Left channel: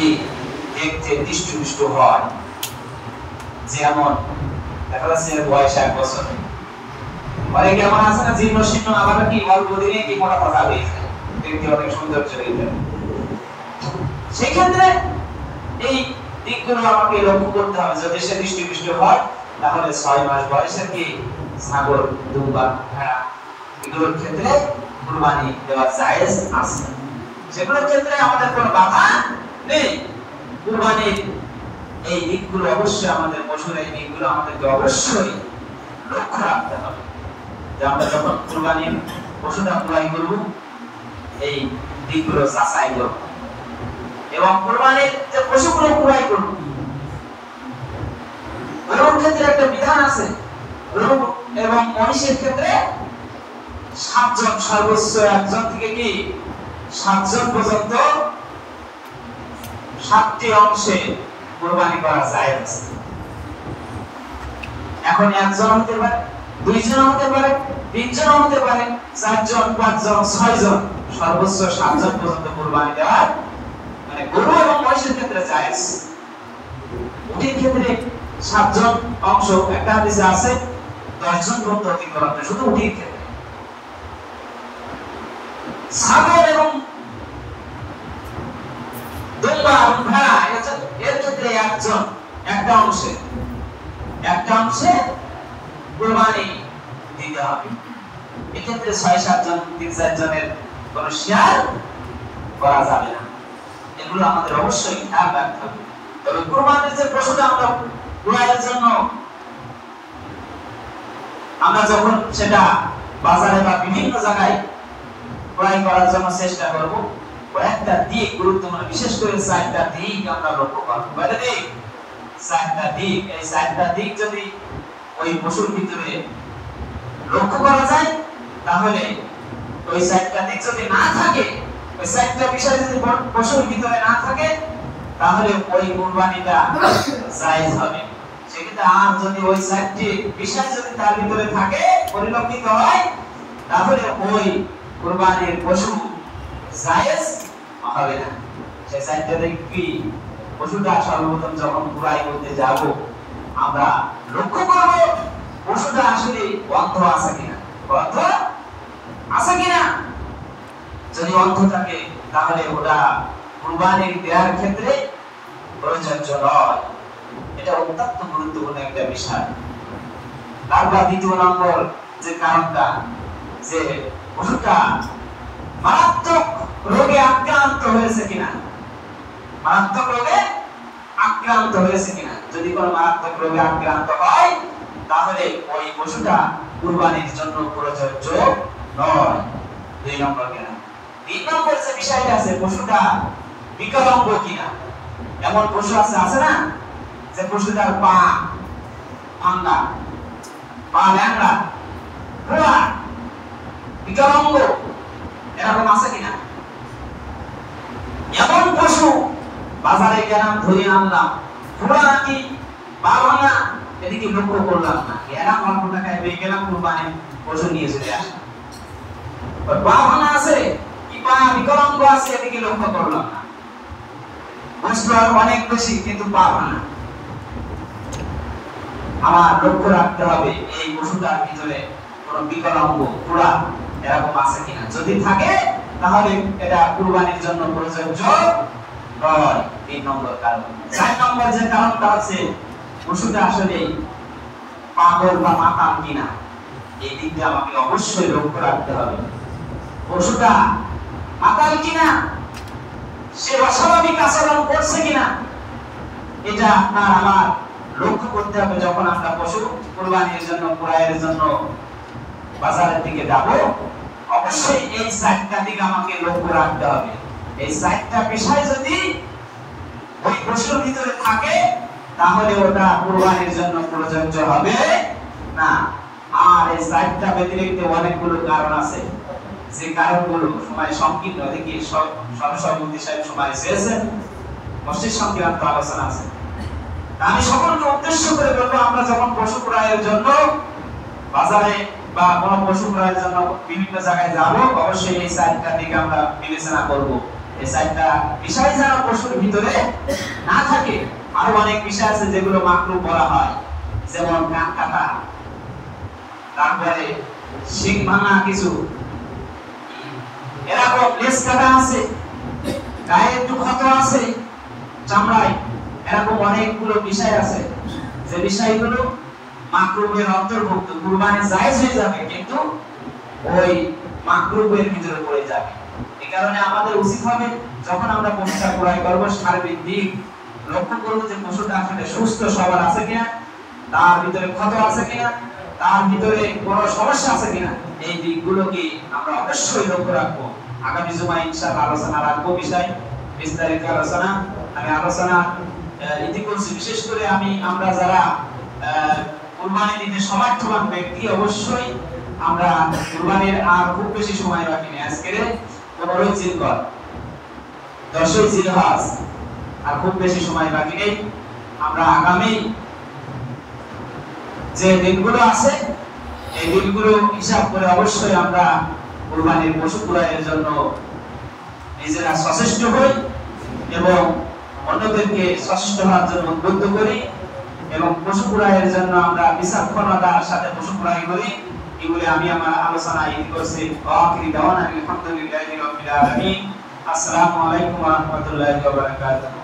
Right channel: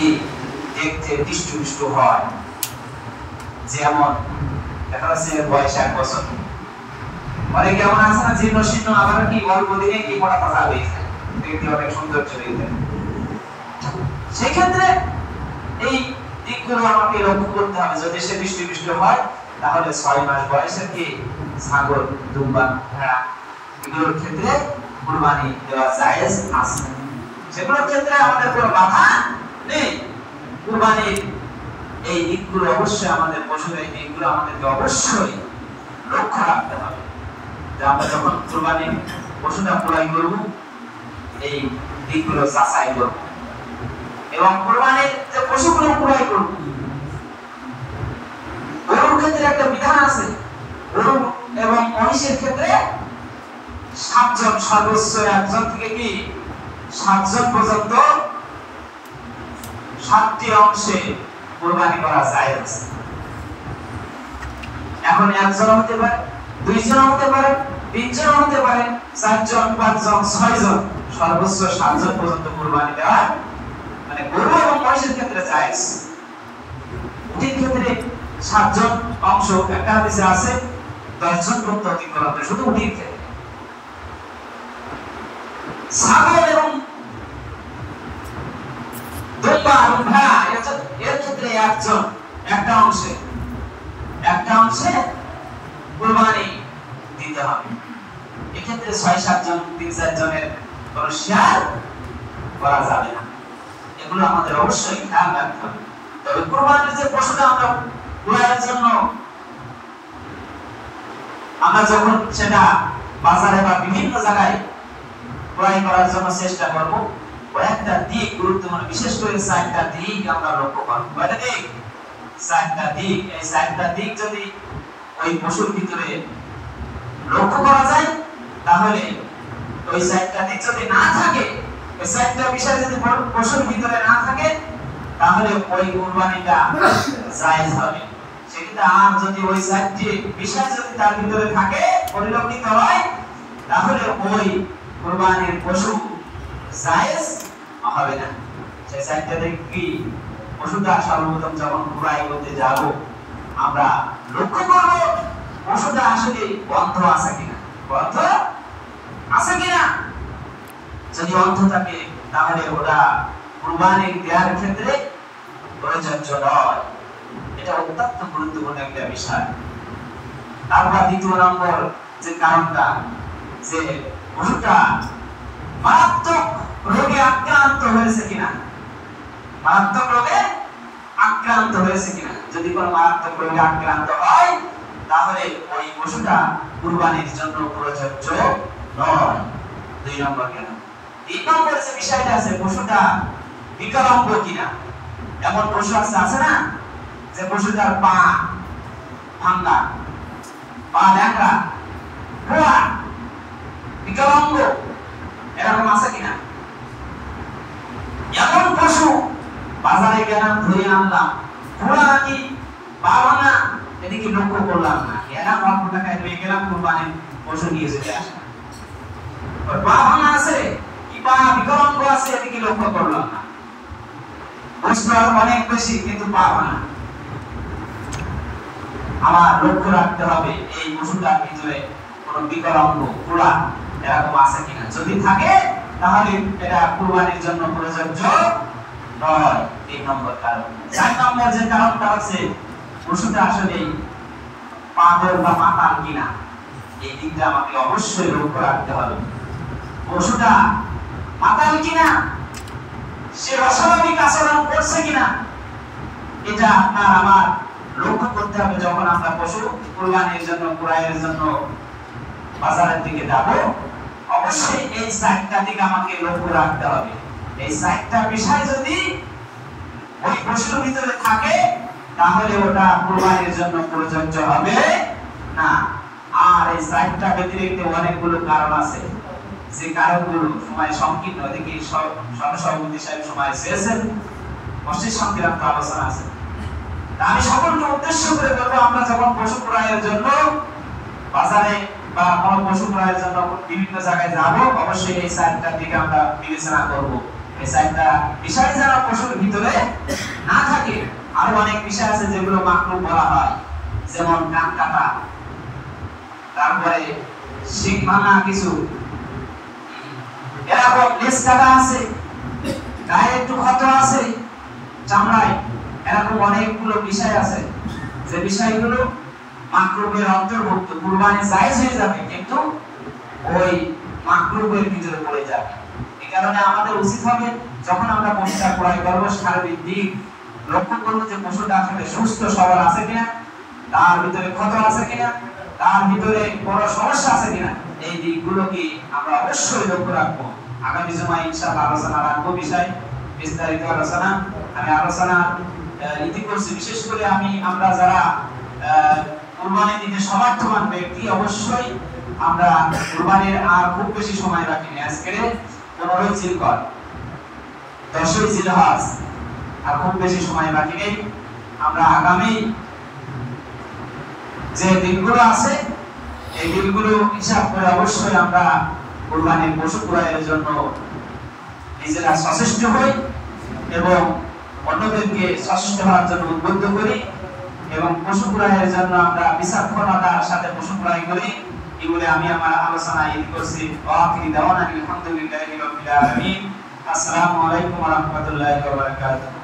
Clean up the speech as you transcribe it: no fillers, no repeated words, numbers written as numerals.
যদি দেখতে দৃষ্টপুষ্ট হয়, যেমন দেখা যাচ্ছে বয়স 1 বছর, অনেকে এমন আছে না জীর্ণ শীর্ণ, আবার কি অল্প দিনে কি মোটা তাজা হয়ে যায়, দেখতে অনেক সুন্দর হয়ে যায়। সেক্ষেত্রে এই দিকগুলো আমাকে লক্ষ্য করতে হবে। যদি সে দৃষ্টপুষ্ট হয় তাহলে 6 মাস বয়সের কি ছাগল, দুম্বা, ভেড়া এগুলোর ক্ষেত্রে কুরবানি দেওয়া জায়েজ আছে। সেগুলোর ক্ষেত্রে আমাদের কোনো বাধা নেই। কুরবানির এই দিকগুলো অবশ্যই আমাদের পশুর এই দিকগুলো আমাদেরকে অবশ্যই লক্ষ্য রাখতে হবে যে আমরা যখন কুরবানির পশুটা ক্রয় করব এই দিকগুলো যাচাই করব, এবং কুরবানির যে পশুগুলো ক্রয় করব গরুর ক্ষেত্রে একটা বিধান আছে। গরু এবং মহিষের ক্ষেত্রে 7 জন, সর্বোচ্চ 1 জন থেকে কি 7 জন পর্যন্ত 7টি অংশে কুরবানি করা যায় আছে। এখন 1 জন হতে পারে, 2 জন হতে পারে, 3 জন হতে পারে, 4 জন, 5 জন, 6 জন, সর্বোচ্চ 7 জন পর্যন্ত কুরবানি দেওয়া মানে গরু এবং মহিষের ক্ষেত্রে জায়েজ। উটের ক্ষেত্রে 7 জন অংশ একটা হাদিসে আছে 10 জন পর্যন্ত অতিক্রম করে, শুধু উটের ক্ষেত্রে। ছাগল এবং দুম্বা এবং ভেড়া এর ক্ষেত্রে 1 জন একটা অংশে কুরবানি দিতে হবে। এক্ষেত্রে 6-7 জন, 3-4 জনের কোন শেয়ার করা যাবে না। এগুলো আমাদের অবশ্যই খেয়াল রাখতে হবে। তবে কুরবানির যে পশুটা আমরা ক্রয়ের জন্য আমরা যখন সেটা বাজারে বা বিভিন্ন জায়গায় ক্রয় করার জন্য চেষ্টা করব, কয়েকটা দিক গুরুত্বপূর্ণ, বিশেষ করে 4টা দিক আমরা লক্ষ্য করব। কয়টা দিক? 4টা দিক। এই 4টা দিক যদি ওই পশুর ভিতরে লক্ষ্য করা যায় তাহলে ওই 4টা দিক যদি না থাকে, ওই 4টা বিষয় যদি পশুর ভিতরে না থাকে তাহলে ওই কুরবানিটা জায়েজ হবে। সেক্ষেত্রে আর যদি ওই 4টি বিষয় যদি তার ভিতরে থাকে, পরিলক্ষিত হয়, তাহলে ওই কুরবানির পশু জায়েজ হবে না। সেই 4টা দিক কি? পশুটা সর্বপ্রথম যখন ক্রয় করতে যাব আমরা লক্ষ্য করব পশুটা আসলে অন্ধ আছে কিনা, অন্ধ আছে কিনা। যদি অন্ধ থাকে তাহলে ওটা কুরবানি দেওয়ার ক্ষেত্রে প্রযোজ্য নয়। এটা অত্যন্ত গুরুত্বপূর্ণ একটা বিষয়। তারপর 2 নম্বর যে কারণটা, যে পশুটা মারাত্মক রোগে আক্রান্ত হয়েছে কিনা, মারাত্মক রোগে আক্রান্ত হয়েছে কিনা। যদি কোনো মারাত্মক রোগে আক্রান্ত হয় তাহলে ওই পশুটা কুরবানির জন্য প্রযোজ্য নয়। 2 নম্বর কেন। 3 নম্বর যে বিষয়টা আছে, পশুটা বিকলাঙ্গ কিনা। এমন পশু আছে না যে পশুটার পা ভাঙা, পা ল্যাংড়া, ঘোড়া, বিকলাঙ্গ, এরকম আছে কিনা। এমন পশু বাজারে গেলাম, ধরে আনলাম, ঘোড়া নাকি পা ভাঙা, এদিকে লক্ষ্য করলাম না, এরা অল্প টাকায় পেয়ে গেলাম, কুরবানির পশু নিয়ে চলে আসলাম। পা ভাঙা আছে কি পা বিকলাঙ্গ আছে, এদিকে লক্ষ্য করলাম না, বস্তু আর অনেক বেশি কিন্তু পা ভাঙা। আমার লক্ষ্য রাখতে হবে এই পশুটার ভিতরে কোন বিকলাঙ্গ, ঘোড়া এরকম আছে কিনা। যদি থাকে তাহলে এটা কুরবানির জন্য প্রযোজ্য নয়। 3 নম্বর কারণ। 4 নম্বর যে কারণটা আছে, পশুটা আসলে পাগল বা মাতাল কিনা, এই দিকটা আমাকে অবশ্যই লক্ষ্য রাখতে হবে। পশুটা মাতাল কিনা, সে অস্বাভাবিক আচরণ করছে কিনা, এটা আপনার আমার লক্ষ্য করতে হবে। যখন আমরা পশু কুরবানির জন্য, ক্রয়ের জন্য বাজারের দিকে যাব, অবশ্যই এই 4টা দিক আমাকে লক্ষ্য রাখতে হবে। এই 4টা বিষয় যদি ওই পশুর ভিতরে থাকে তাহলে ওটা কুরবানির জন্য প্রযোজ্য হবে না। আর এই 4টা ব্যতিরিক্ত অনেকগুলো কারণ আছে, যে কারণগুলো সময় সংকীর্ণ, এদিকে সর্বসম্মতি সাহেব সময় চেয়েছেন, মসজিদ সংক্রান্ত আলোচনা আছে। আমি সকলকে উদ্দেশ্য করে বলবো, আমরা যখন পশু ক্রয়ের জন্য বাজারে বা কোন পশু ক্রয়ের জন্য বিভিন্ন জায়গায় যাব, অবশ্যই এই 4টা দিকে আমরা বিবেচনা করব। এই চারটা বিষয় যারা পশুর ভিতরে না থাকে, আরো অনেক বিষয় আছে যেগুলো মাকরুহ বলা হয়, যেমন কান কাটা, তারপরে শিং ভাঙা, কিছু এরকম লেজ কাটা আছে, গায়ে একটু ক্ষত আছে, চামড়ায়, এরকম অনেকগুলো বিষয় আছে যে বিষয়গুলো মাকরুহের অন্তর্ভুক্ত। কুরবানি জায়েজ হয়ে যাবে কিন্তু ওই মাকরুহের ভিতরে পড়ে যাবে। এই কারণে আমাদের উচিত হবে যখন আমরা পশুটা ক্রয় করব, সার্বিক দিক লক্ষ্য করব যে পশুটা আসলে সুস্থ সবল আছে কিনা, তার ভিতরে ক্ষত আছে কিনা, তার ভিতরে কোনো সমস্যা আছে কিনা, এই দিকগুলোকে আমরা অবশ্যই লক্ষ্য রাখবো। আগামী জুমায় ইনশাআল্লাহ আলোচনা রাখবো বিষয় বিস্তারিত আলোচনা। আমি আলোচনা ইতি করছি, বিশেষ করে আমরা যারা কুরবানি দিতে সমর্থবান ব্যক্তি, অবশ্যই আমরা কুরবানির আর খুব বেশি সময় রাখিনি। আজকের 15ই জিলকদ, 10ই জিলহজ, আর খুব বেশি সময় বাকি নেই। আমরা আগামী যে দিনগুলো আছে এই দিনগুলো হিসাব করে অবশ্যই আমরা কুরবানির পশু ক্রয়ের জন্য নিজেরা সচেষ্ট হই এবং অন্যদেরকে সচেষ্ট হওয়ার জন্য উদ্বুদ্ধ করি, এবং পশু ক্রয়ের জন্য আমরা বিচক্ষণতার সাথে পশু ক্রয় করি। এগুলো আমি আমার আলোচনা ইতি করছি। ওয়াকিরি দাওয়ানা আলহামদুলিল্লাহি রাব্বিল আলামিন। আসসালামু আলাইকুম ওয়া রাহমাতুল্লাহি ওয়া বারাকাতুহু।